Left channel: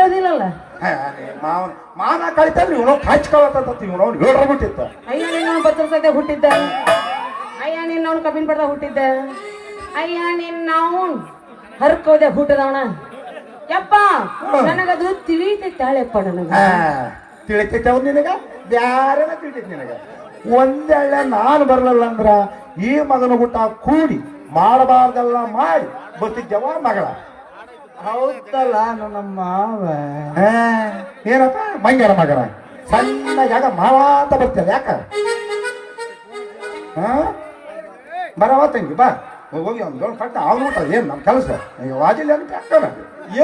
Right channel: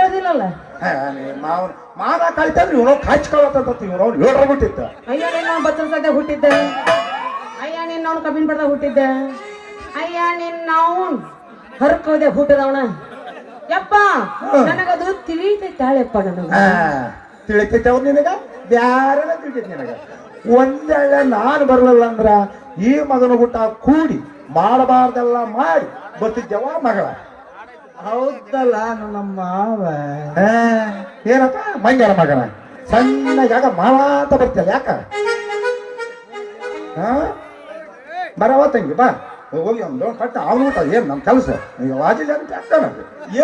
ಕಳ್ದಿಲ್ಲಲ್ಲ ಮಾನ ಕಳಿತಾರ ನೀವು ಹಚ್ಕೊಳತ್ತ ಇವ್ ಅವ್ನು ಹೇಳ್ಬಿಟ್ಟಿತ್ತ ಅಯ್ಯ ನಿನ್ನ ಬಚ್ಚಲ ಸದ್ಯ ಹುಟ್ಟಿದ್ದ ಅಯ್ಯ ನಿನ್ನವನು ಕಬ್ಬಿನ ಪಡ್ದ ಹುಟ್ಟಿದ್ದ ಅಯ್ಯ ನಿನ್ನವನ್ ಹರ್ಕೋದೆ ಹುಟ್ಟದವನ ಯಪ್ಪ ನನಗದು ತಿಳಿತೈತಾಳೆಪ್ಪ ನನಗ ತಿಳಿತೈತೆ ನಿನಗ ಬ್ಯಾರೆಲ್ಲ ತಿಳಿತೈತಿ ನಿನಗ ಒಂದೇಳೆ ನಾನು ಬರಲಿಲ್ಲ ಅಂದ್ರ ಈ ಮಗನ ಹುಟ್ಟ ಕೂಡಿ ಮಾಡಬಾರ್ದೆಲ್ಲ ಮಾಡಿ ಬರ್ತಿದ್ದೆವ ಮಗಳ ಹೌದಲ್ಲ ನನ್ನ ಮಾವ ಏನಪ್ಪ ಮಂಗ್ಯಾನ ಮಗನ ಸಣ್ಣಗ ಮಾವ ಅಂತ ಬರ್ತೀಯ ಯಾಕ ಬರವ ತಂಗಿ ಬಾ ಹೋಗಿ ಒಂದು ಪಟ್ಟ ಅವನು ಏನ್ ನಮ್ಮ ಕೆಲಸ ವಾಜಿಲ್ಲ ಅಂತ ಯಾಕಣ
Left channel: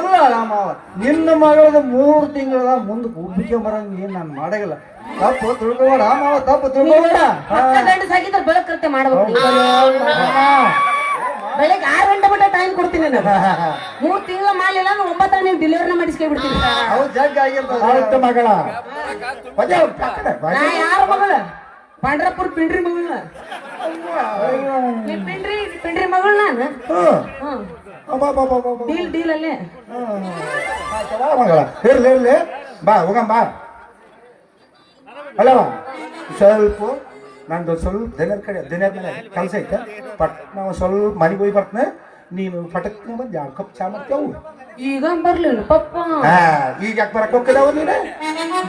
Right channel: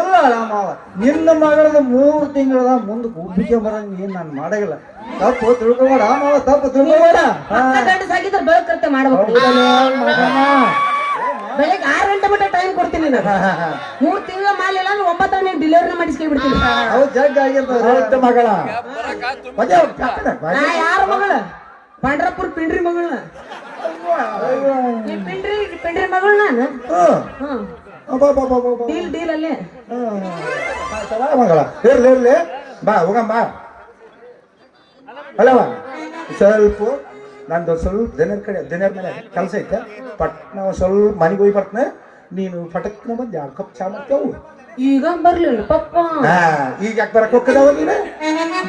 ಇಲ್ಲ ಮಾವ ನಿನ್ನ ಮಗಳ 3 ತಿಂಗಳ ಮುಂದೆ ಒಬ್ಬಿಗೆ ಬರಂಗ ನೀನ್ ನಾನು ಮಾಡಂಗಿಲ್ಲ ತಪ್ಪು ತಿಳ್ಕೊಬೇಡ ಮಾವ ತಪ್ಪು ತಿಳ್ಕೊಬೇಡ ಸಾಗಿದ್ರೆ ಬೆಳಕೃತ್ಯ ಮಾಡ್ಬೇಕು ಬೆಳಗ್ಗೆ 6 ಗಂಟೆ ಬಿಟ್ಟ ಟೈಮ್ ಕೊಡ್ತೀನಿ ನಾನು 3 ತಿಂಗಳ ಮಾಡಿಲ್ಲ 9 ನೀವು ಡೆಲಿವರಿನ ಮಾಡಿಸ್ಕೈ ಬಿಡ್ತೀನಿ ಹೌದು ಜಗ್ ಆಗಿರ್ತದೆ ಮಗಳ ನಾ ಯಾರ ಮಗಳ ಪಾಂಡ್ರಪುರ ಪಿಂಡ್ರಿ ಮಗಳ ಪಿಂಡ್ರಿ ಮಗಳು ನಾನು ಡೀಲ್ ಅಲ್ಲೇ ಮಗಳ ಇರ್ಲಿ ಇರ್ಲಿ ಬಾ ಹೋಗಮ್ಮ ಅಲ್ಲವ ಸ್ವಲ್ಪ ನಂದು ಸ್ವಲ್ಪ ದಿನ ಮೇಲೆ ಕೆಲಸ ಐತೆ ಪಟ್ ನಾವು ಸ್ವಲ್ಪ ಮನೆಗೆ ಹೋಗಿ ಬರ್ತನೆ ನೀನು ಪಟಕ್ ಬಂದು 2 ಕಪ್ ಚಾ ಮಾಡ್ತೇವು ಈಗ ಬರ್ಲಿಲ್ಲ ಪಪ್ಪ ಈಗ ಯಾಕೆ ಬರಕ್ ಹೋಗ್ತದವ ನೀನು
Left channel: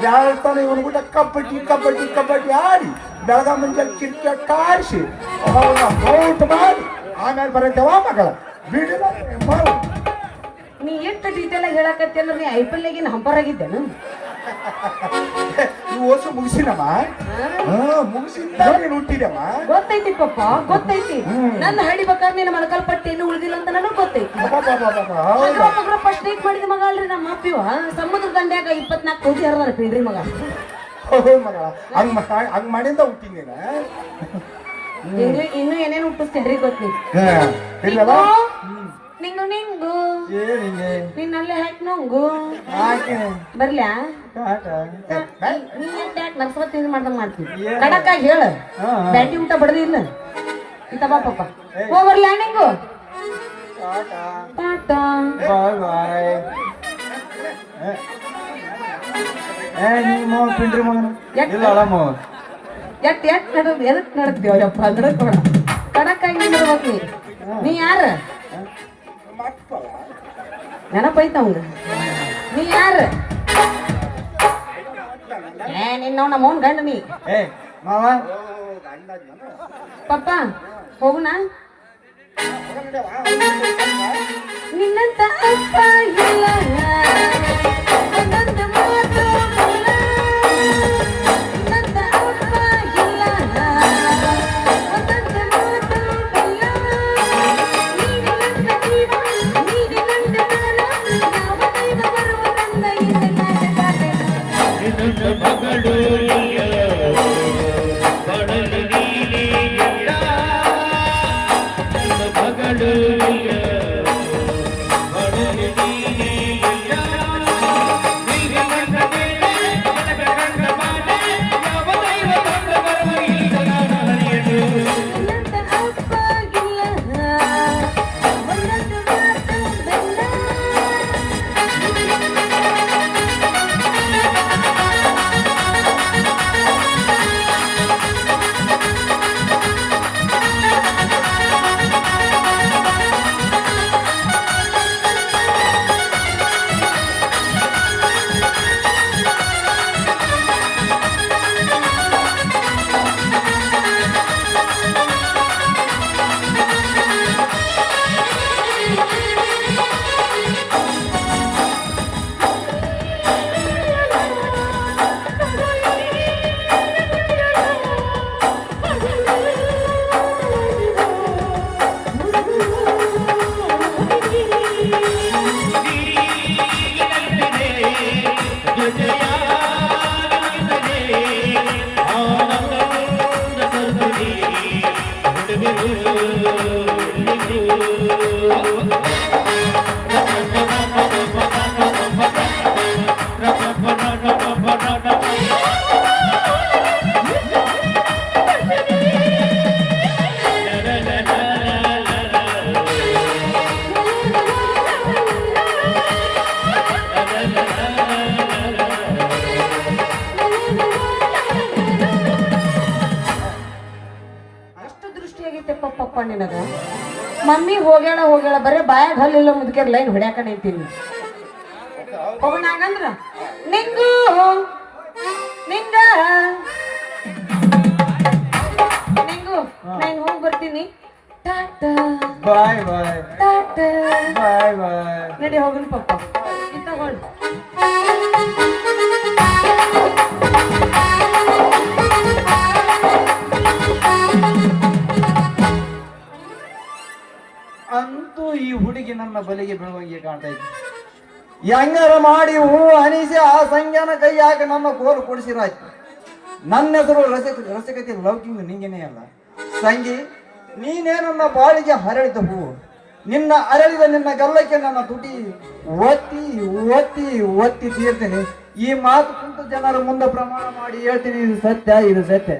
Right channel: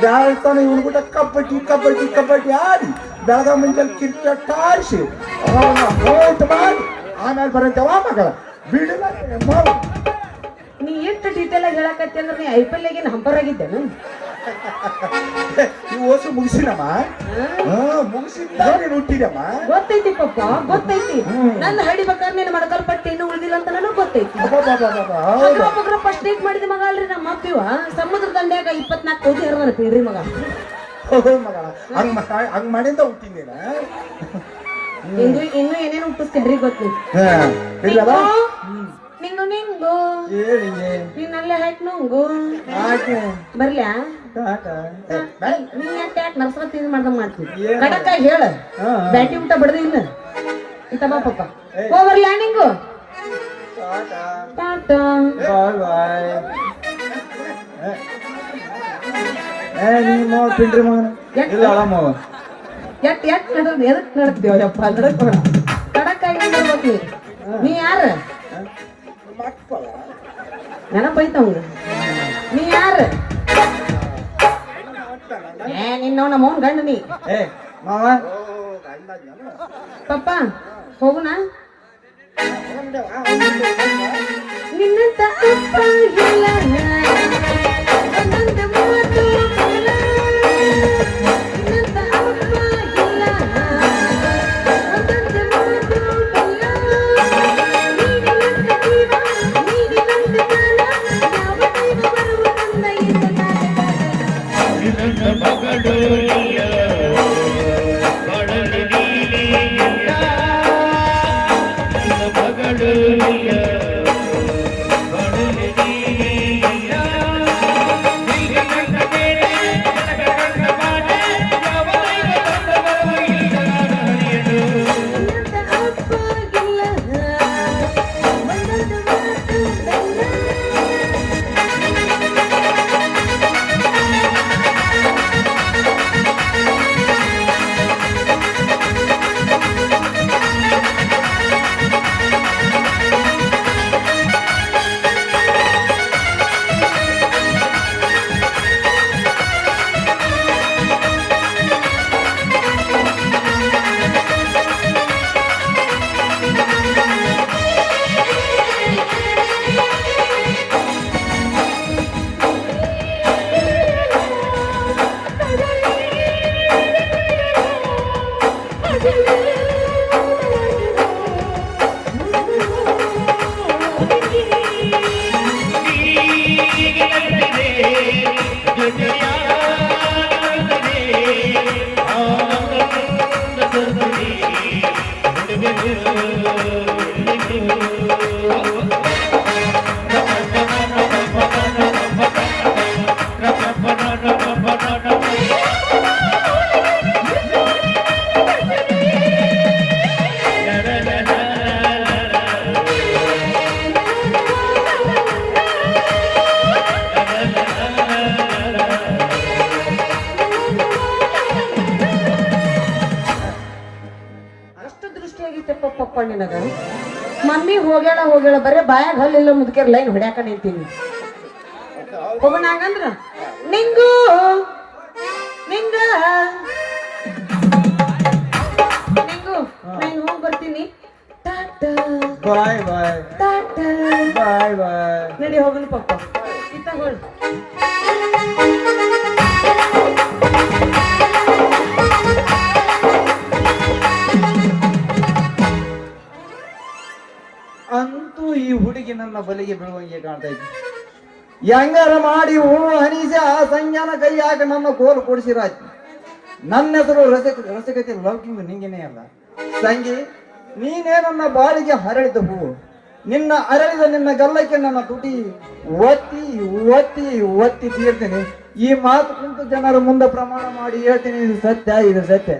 ಬ್ಯಾಳ್ತಾನೆ ಇವನು ಕೂಡ ಕಬಡ್ಡಿ ಆಡಿ ಬೆಳಗ ಮುಂಜಾನೆ ಕ್ರಿಕೆಟ್ ಆಡಿಸಿ ಔಟ್ ಮಾಡಿ ಆಮೇಲೆ ಬರತ್ತೇವ ಮಗಳ ಬಿಡಿಲ್ಲ ನೀ ಎಷ್ಟು ಡೀಟೇಲ್ ಆಗಿ ಹೇಳಕತ್ತಿ ಅಂದ್ರೆ ನೀ IPL ಆಗಿನ ಹಂಪರ್ ಆಗಿದ್ದೇನು ನೀವು ಓಸು ಮುಗಿಸಿನಮ್ಮ ಮುಗಿಸಿದ್ದ ಹುಟ್ಟಿದಮ್ಮ ಗೊತ್ತೈತಿ ಪಪ್ಪ ಗೊತ್ತೈತಿ ನನ್ನ ಹಡಿಬೇಕಾದ್ರೆ ನಿನ್ನ ಮಳಕಲ್ ಪಟ್ಟಿ ಏನು ಉಳಿದಿಲ್ಲ ಅಂತ ನನಗೆ ಗೊತ್ತೈತಿ ಫಸ್ಟ್ ಡೇಟ್ ಮಾಡಿದ ಮಗ ಅಲ್ರಿ ನಮ್ಮ ಅಪ್ಪಿವ ಸಮುದ್ರ ದಂಡ್ಯಾಗ 24 ಕೆಜಿ ಹರಿದಾರ ಪಿಂಡ್ರಿ ಮಗ ಮಗಳ ಹಂಗ್ ಮಾಡಿಂದ ಹುಟ್ಟಿನ ಇನ್ನು ಏನೇನು ಹುಟ್ಟಿಸ್ತಿದ್ರಿ ಗೊತ್ತು ನಿಂಗು ನಿನ್ನಲ್ಲೇ ಹಾಕಿ ನಂಗು ಬರ್ಲ್ಯಾ ನೀ ಯಾಕೆ ನರ್ಸರ ತಿಂದು ಮಾಡ್ದಂಗ ಮಾಡ್ತೀನಿ ಕಡಕ್ಕಾಗಿ ಹೇಳ ಬ್ಯಾಟಿ ಊಟ ಬಡ್ದಿ ಇಲ್ಲ ಇಂತ ಬಾ ಪಪ್ಪ ಹೋಗ್ಬರ್ಲ್ಯಾ ನಿಂಗು ಟಾಟಾ ನಿಮ್ಮ ಪಿಂಡ್ರಿ ಮಗನ ಇಲ್ಲ ಮಾವ ಎಟ್ ನಡೆದ್ ಎದಕ್ ನಡೆದ್ತೀವಪ್ಪ ಅಂದ್ರೆ ಕಡಕ್ಕಾಗಿ ನೋಡ್ಬೇಕು ನೀ ಯಾರ ನೆನಪೈತವಂಗ ನೀ ಯಾರ ನಿನ್ನ ಮೌನ್ ಗಂಡ ನೀ ಮಾವ ಪಪ್ಪ ಹೋಗುಣ ನಿನ್ನಂತ ಅಪ್ಪ ಇಲ್ಲ ಒಂದೊಂದು ಮಾತು ಇಲ್ಲ. ನಿನ್ನಂತ ಅಪ್ಪ ಇಲ್ಲ ಒಂದೊಂದು ಮಾತು ಇಲ್ಲ. ನೀನು ನನ್ನ ಜೀವ ನೀನು ನನ್ನ ಕಾಲ ಯಾವ ದೈವ ಬರುವುದನ್ನ ಇಲ್ಲಿ ನಿನಗ ಮಮ್ಮಿ ಹೋಗ್ಯಾಳ ಬರೇ ಬಾಯಾಗ ಹಲ್ಲಿಲ್ಲ ಮುದುಕಿರ ಲೈನ್ ಹೊಡ್ಯಾಕ ನಿಂತೀನಿ ಹೋಗೋಣ ಹಂಗಂದ್ರ ನಿಂಗು ನಿಂಗ ನಿಂಗು ನಾನು ಹೋಗಿ ಬರ್ತೀನಿ ಟಾಟಾ ಬಾಯ್ ಬಾಯ್ ಟಾಟಾ ಬಾಯ್ ಬಾಯ್. ನಡಿ ಹೋಗೋಣ ಪಪ್ಪ ಇತ್ತ ಹೊಳ್ ಅಂತೂ ಈ ಹುಡುಗಿ ನನ್ನ ಬಲಿಗೆ ಬೀಳುವಂಗೆ ಕಾಣ್ತಾ ಇದ್ದೆ. ಹೆಂಗಾರ ಮಾಡಿ ಹೂ ಅನಿಸಿ ಆ ಸಂಜ್ಞಾನ ಕೈಯಾಗ ನನ್ನ ಕೋಲು ಕೊಡಿಸಿರಾಯ್ತು. ನನ್ನ ಹೆಸರು ರಸಕತೆ ಲೌಕಿಂಗ್ ನಿಂಗೇನೇ ಅಲ್ಲ ಸಂಗಿ, ನೀನೇ ನನ್ನ ಬಾಳಿಗೆ ಹರಳಿದ ಹೂವು. ನಿನ್ನ ಅರಳಿದ ನಿನ್ನ ಗಲ್ಲಕ್ಕೆ ನನ್ನ ತುಟಿ ಒತ್ತಿ ಒತ್ತಿ ಒತ್ತಿ ತೀರ್ತೇನೆ. ಈ ಮಾತು ಕುಂತು ಜನರ ಮುಂದೆ ಪ್ರಮಾಣ ಮಾಡಿ ಹೇಳ್ತೀನಿ, ಇದು ಸತ್ಯ, ಇದು ಸತ್ಯ.